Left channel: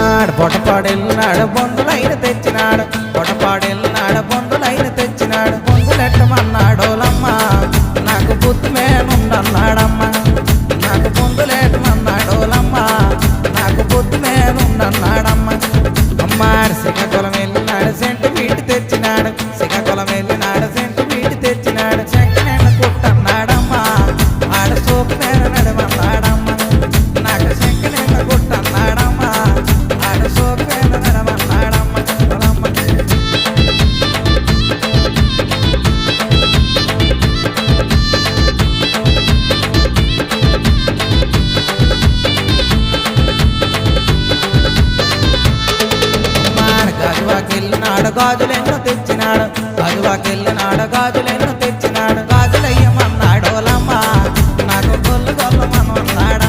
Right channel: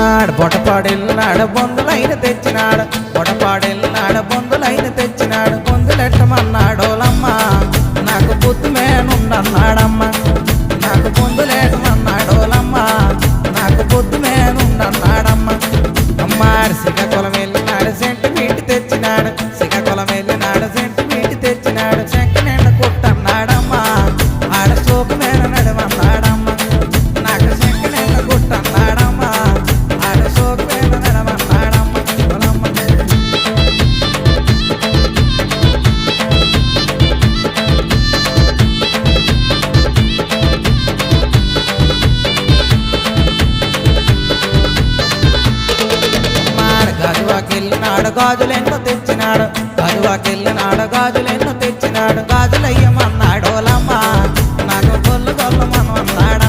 ఆడ పొటపాడెళ్ళినాడు బొందులైన తెచ్చినాడు పొటపాడెళ్ళినాడు బొందులైన తెచ్చినాడు బొందులెట్టమన్నాడోలమ్మ నాకు బుద్ధి మేనుండన్నాడమ్మ నాకు బొందులేటమన్నాడోలమ్మ నాకు బుద్ధి మేనుండన్నాడమ్మ అమ్మాడు శ్రీకాకుళం వెళ్ళినాడు సెంటు మీటి తెచ్చినాడు శ్రీకాకుళం వెళ్ళినాడు సెంటు మీటి తెచ్చినాడు చెక్క నిండ కుట్టన్నాడమ్మా ఆడ సోకు మేన నడమన్నాడమ్మ నాకు చెక్క నిండ కుట్టన్నాడమ్మా ఆడ సోకు మేన నడమన్నాడమ్మ గాజువాకెళ్ళినాడు గాజులెన్నో తెచ్చినాడు గాజువాకెళ్ళినాడు గాజులెన్నో తెచ్చినాడు గాజులయ్యమన్నాడోలమ్మ నాకు గొల్లు గొల్లమన్నాడా